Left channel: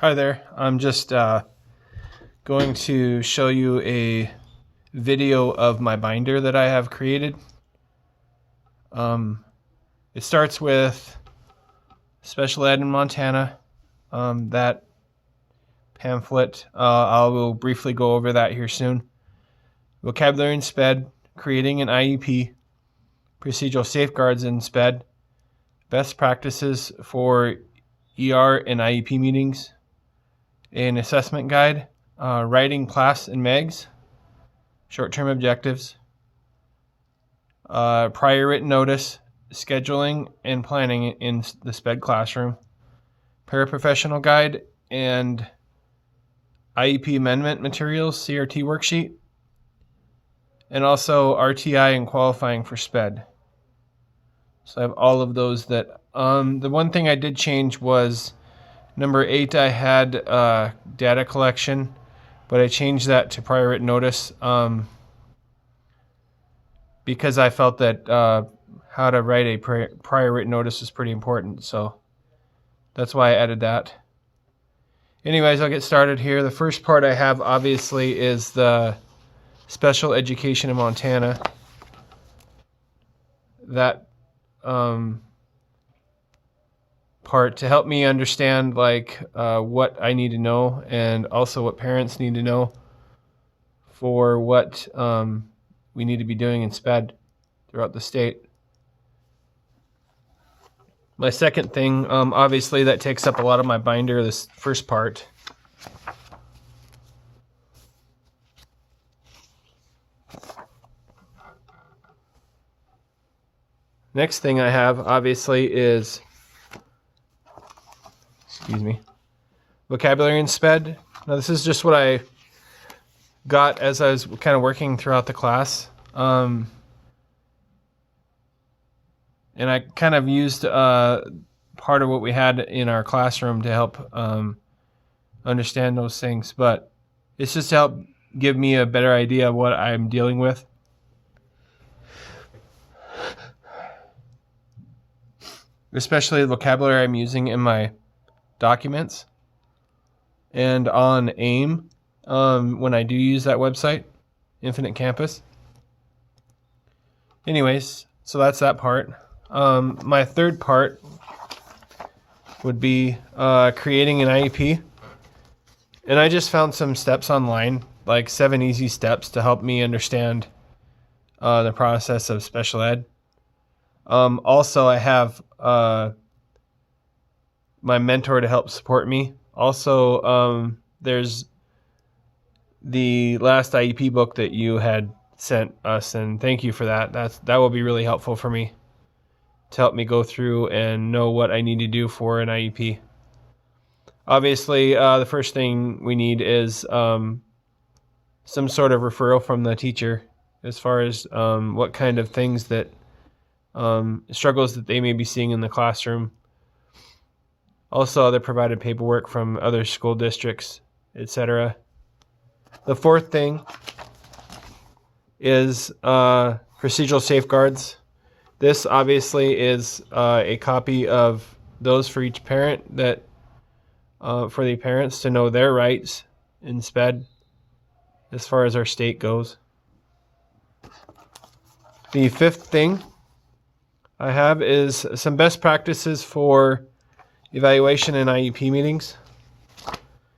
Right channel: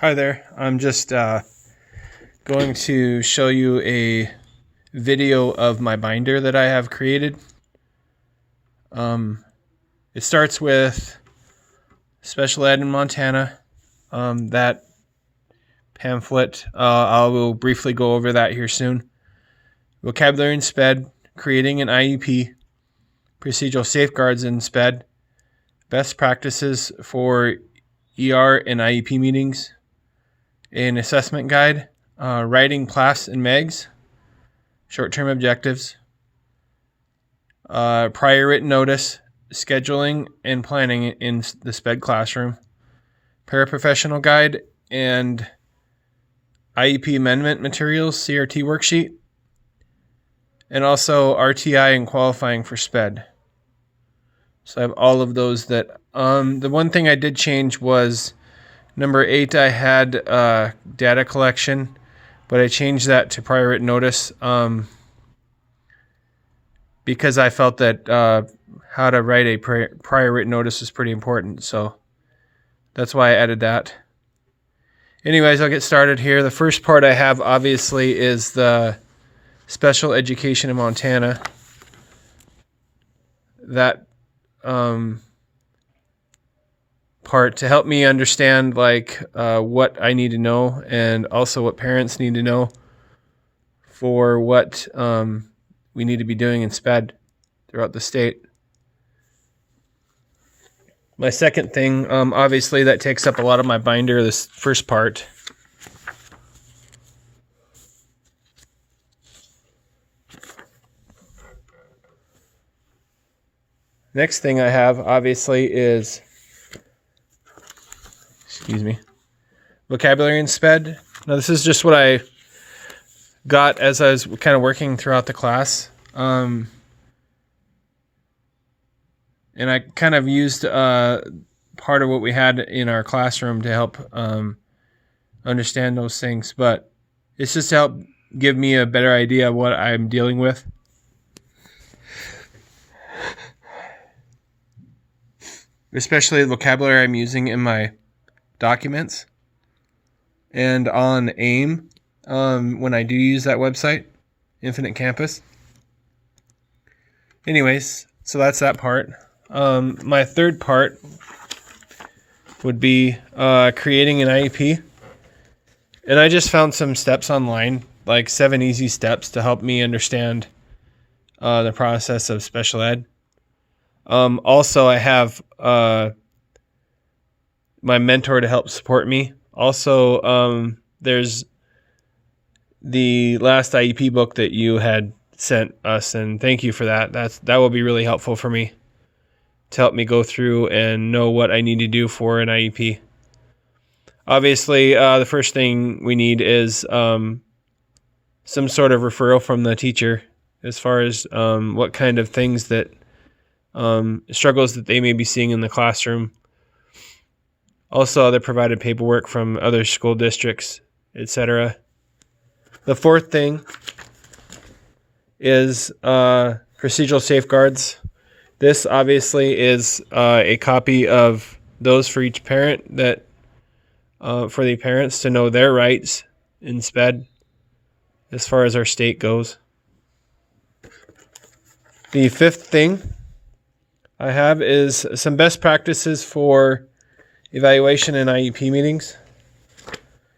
Hi there. I'm just going to show you a video of my binder that I have created. It starts with Special Ed in Montana. That pamphlet, I will briefly go over that here soon. Vocabulary in SPED, creating an IEP, procedural safeguards in SPED, best practices for ER and IEP meetings, an assessment guide, writing class and MEGs, short-term objectives, prior written notice, scheduling and planning in the SPED classroom, paraprofessional guide, and IEP amendment materials, CRT worksheet, and also RTI and qualifying for SPED. So I have all of those that, the one thing I did change was number 8, I had data collection, but I changed that to prior written notice because I felt that how to write a prior written notice was pretty important. So that's why I added that. Anyways, I'll get started here. The first part I have, obviously, is the special education in Montana. That part to help me understand what I need to know, and also what parents need to know for what we need to be doing in SPED throughout the state. My second thing, obviously that takes up a lot of my binder, this first part. Next thing I have, obviously, is vocabulary in SPED. Now, this is just what I got as I was kind of working throughout the class. And I kind of used part of what we had in our classroom to help understand those things. But it's just to help give me a better idea of what I'm dealing with. Especially the vocabulary I'm using in my documents and on AIM when I do use that website, Infinite Campus. Anyways, so that's that part. My third part would be creating an IEP. And I just found some steps online, like 7 easy steps to help me understand the process of special ed. Also, I have my mentor to help support me. Also, there's the last IEP book that you had sent us, and thank you for that. That will be really helpful for me to help me go through and know what I need to do for an IEP. Obviously, the first thing we need is some sort of referral from the teacher as far as what kind of things that struggles that they may be seeing in the classroom. Also, other provided paperwork from other school districts, etc. The fourth thing is procedural safeguards. This obviously is a copy of those for each parent, that for the parents to know their rights in SPED as far as our state goes. The fifth thing I have is some best practices for evaluation and IEP meetings.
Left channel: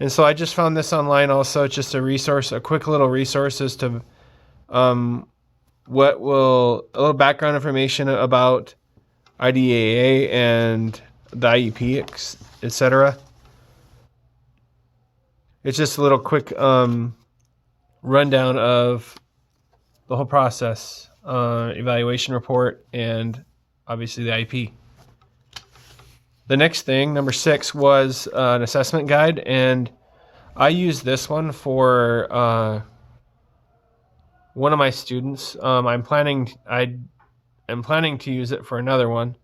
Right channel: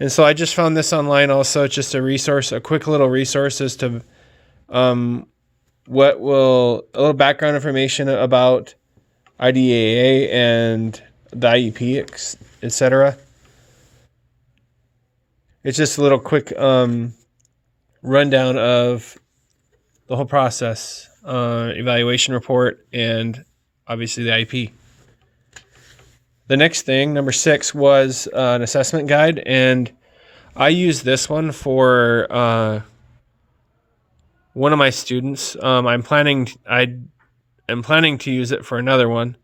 And so I just found this online also. It's just a resource, a quick little resource as to a little background information about IDEA and the IEP, etc. It's just a little quick rundown of the whole process, evaluation report, and obviously the IEP. The next thing, number 6, was an assessment guide, and I used this one for one of my students. I'm planning to use it for another one.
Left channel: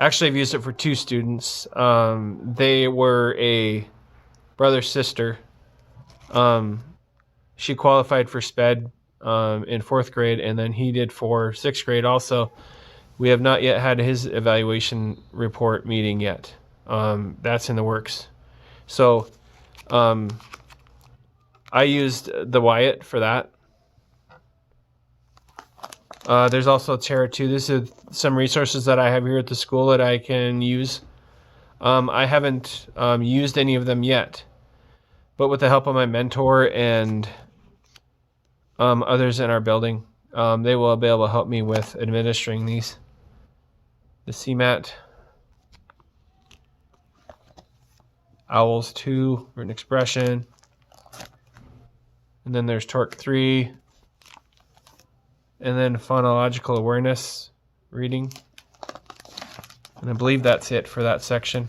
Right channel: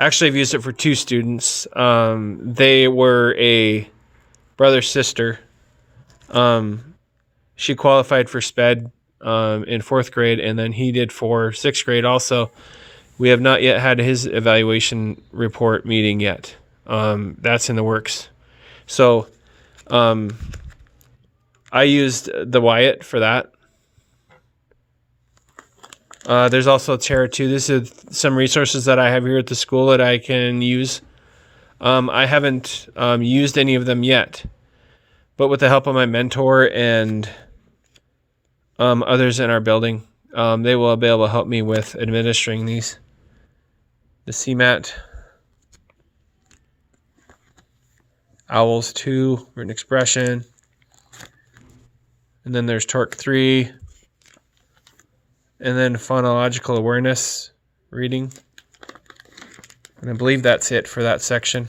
Actually, I've used it for 2 students. They were a brother-sister. She qualified for SPED in 4th grade, and then he did for 6th grade also. We have not yet had his evaluation report meeting yet. that's in the works. So I used the Wyatt for that. There's also Terra 2. This is some resources that I have here at the school that I can use. I haven't used any of them yet, but with the help of my mentor and others in our building, they will be able to help me with administering these. The CMAT, OWLS 2, written expression, and then there's Torque 3, and then phonological awareness reading. And I believe that's it for that section.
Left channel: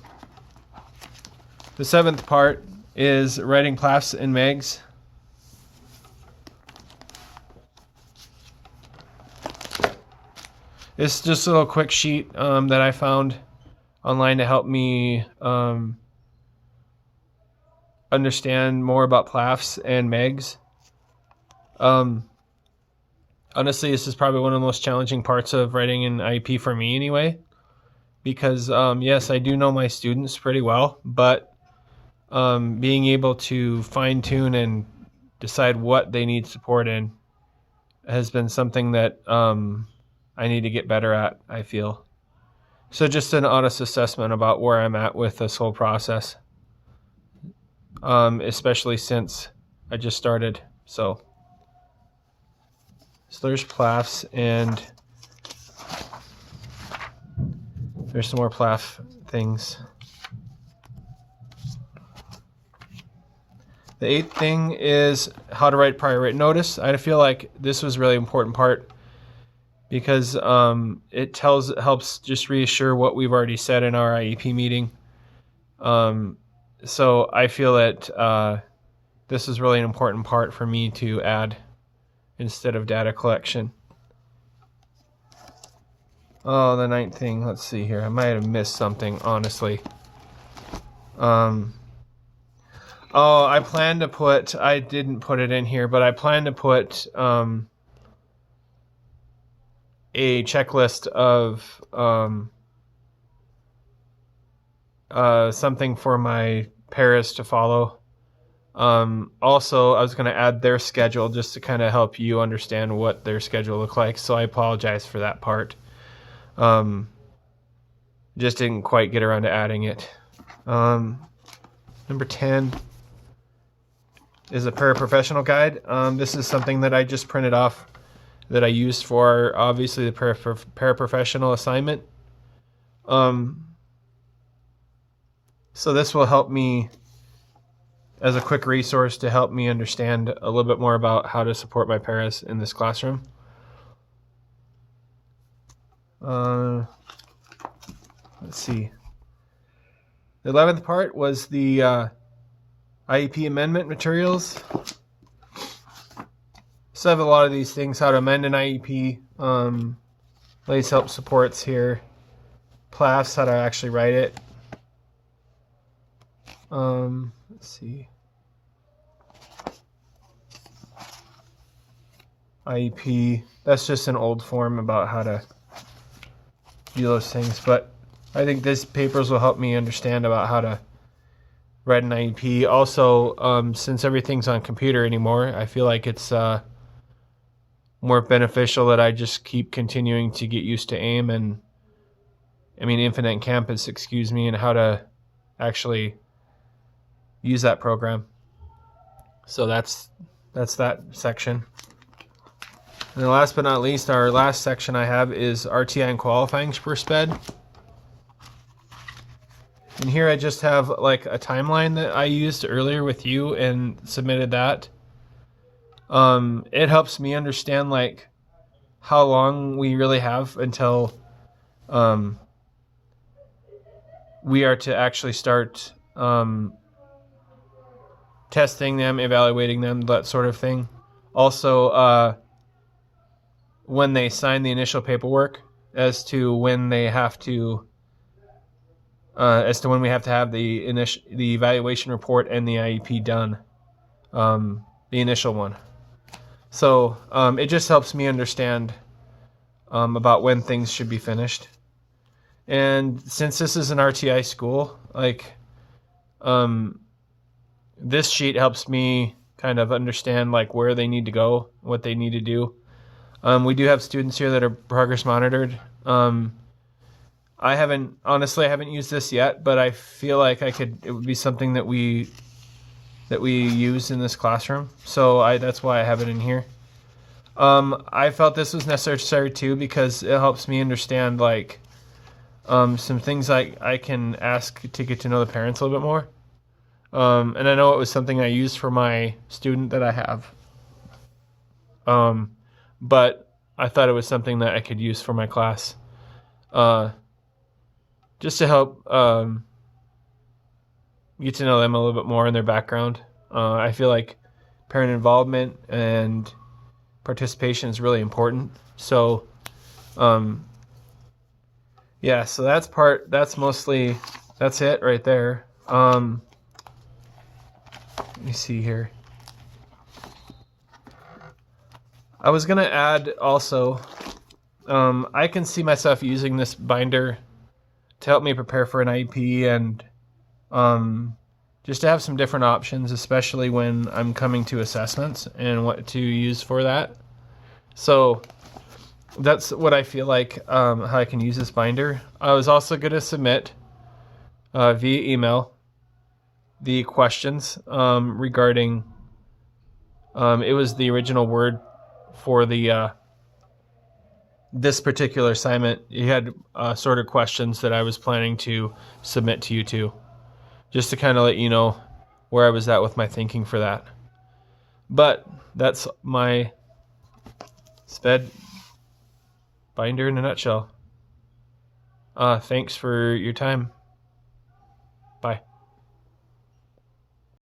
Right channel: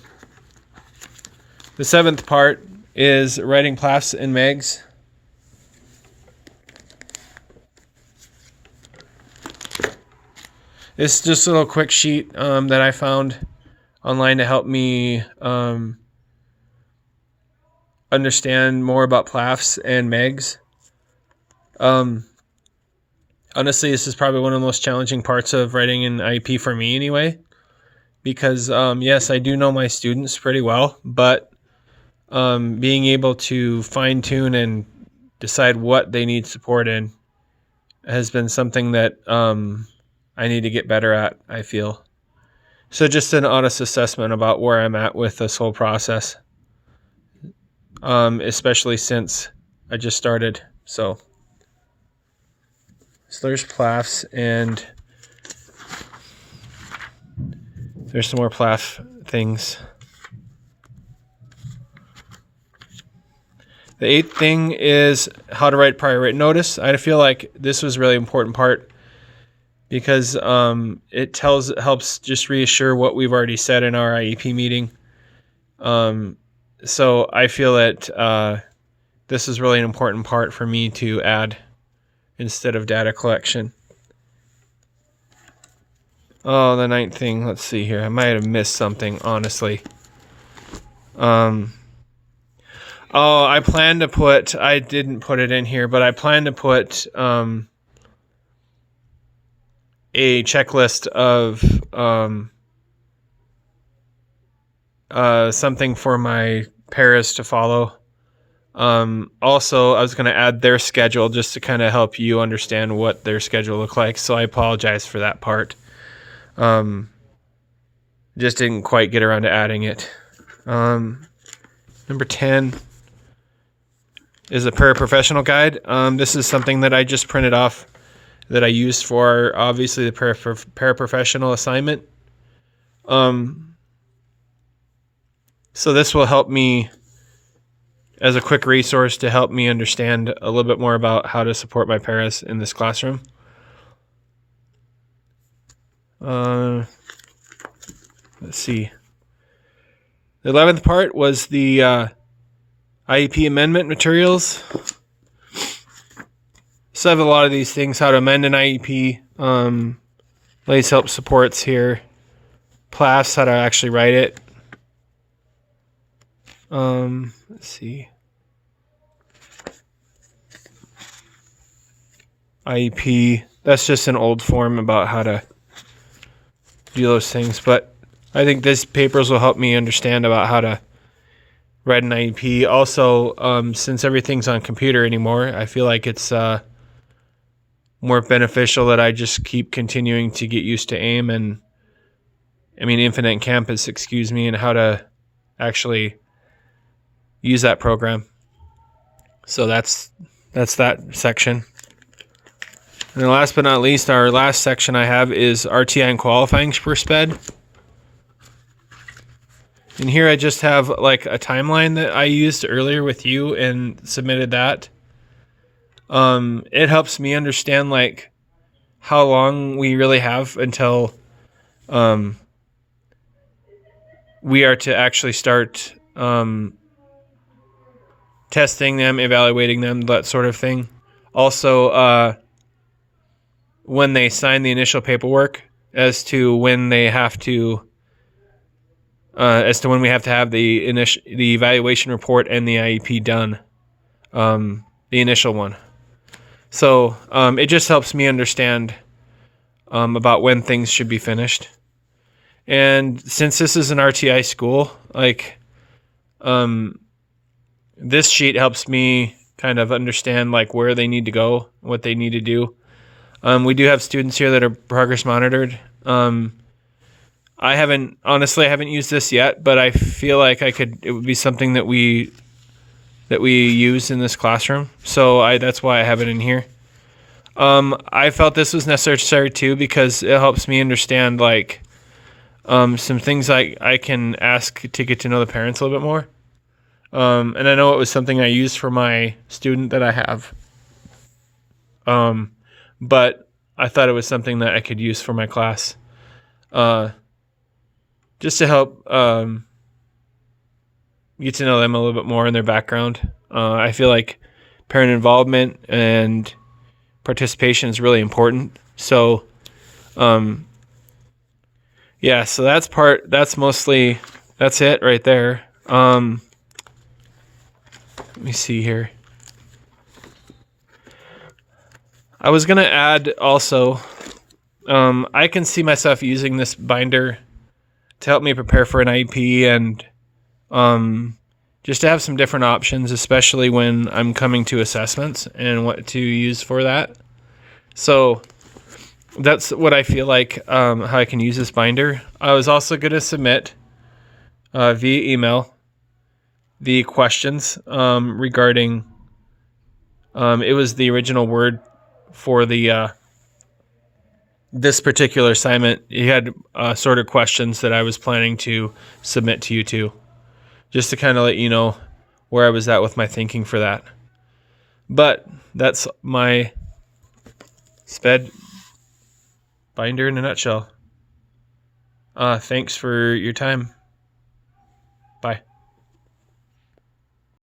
The 7th part is writing PLAFs and MEGs. This is just a little quick sheet that I found online to help me understand more about PLAFs and MEGs. Honestly, this is probably one of the most challenging parts of writing an IEP for me anyway, because yes, I do know my students pretty well, but being able to fine-tune and decide what they need support in has been something that I need to get better at, I feel. So just an honest assessment about where I'm at with this whole process, especially since I just started. So there's PLAFs, and there's some more PLAF things. The 8th thing is how to write prior written notice. I feel like this was a really important part because it helps just reassure what we've already said in our IEP meeting. So I feel that this is really an important part for me to add instead of data collection. Oh, the 9th thing. Let's see here. I might have missed something, honestly. Oh, I didn't put it in here, but I plan to put a checklist of something for my paras to follow. Also, I was going to add their schedule just to kind of help you understand what their schedule look like. So I apologize for that part. Just didn't quite get around to adding it. Number 10 is a paraprofessional guide. This is something that I just printed off that I used for obviously the paraprofessional assignment. So this will help me as a quick resource to help me understand a little bit more about how to support my paras in this classroom. Let's see. The 11th part was the IEP amendment materials. So I have a lot of these things, how to amend an IEP, lays help supports here, PLAFs, how to actually write it. Let's see. IEP, that's just an old form about how to do those things, but I think these papers will help me understand about how to write an IEP. Also, since everything's on computer anymore, I feel like it's more beneficial that I just keep continuing to get used to AIM and Infinite Campus, and how to actually use that program. So that's that section. And then last but not least, our last section I have is RTI and qualifying for SPED. And here I just have like a timeline that I used earlier with you and submitted that. It helps me understand like how long we really have until we are to actually start testing them, evaluating them, that sort of thing. Also, when they sign the initial paperwork as to when they have to when we have to have the evaluation report and the IEP done, the initial one. So it just helps me understand about when things should be finished. And since this is an RTI school, like, this sheet helps me kind of understand like where they need to go, what they need to do. We do have students here that are progress monitored. I haven't used this yet, but I feel like it would be something that we use in this classroom. So that's why I have it in here. I felt this was necessary too, because it helps me understand like some things I can ask to get to know the parents a little bit more. And I know it was something I used for my student that I have. But I thought it was something that I could use for my class. Just to help get to know them a little bit more in their background. I feel like parent involvement and participation is really important. So, yeah, so that's it right there. Let me see here. I was going to add also, I can see myself using this binder to help me prepare for an IEP and just to have some different options, especially when I'm coming to assessments and what to use for that. So that's what I feel like, how I can use this binder. I was also going to submit via email the questions regarding, it was the original word for the this particular assignment. You had sort of questions that I was planning to submit to you too, just to kind of let you know where I was at with my thinking for that. But that's my SPED binder in a nutshell. Thanks for your time.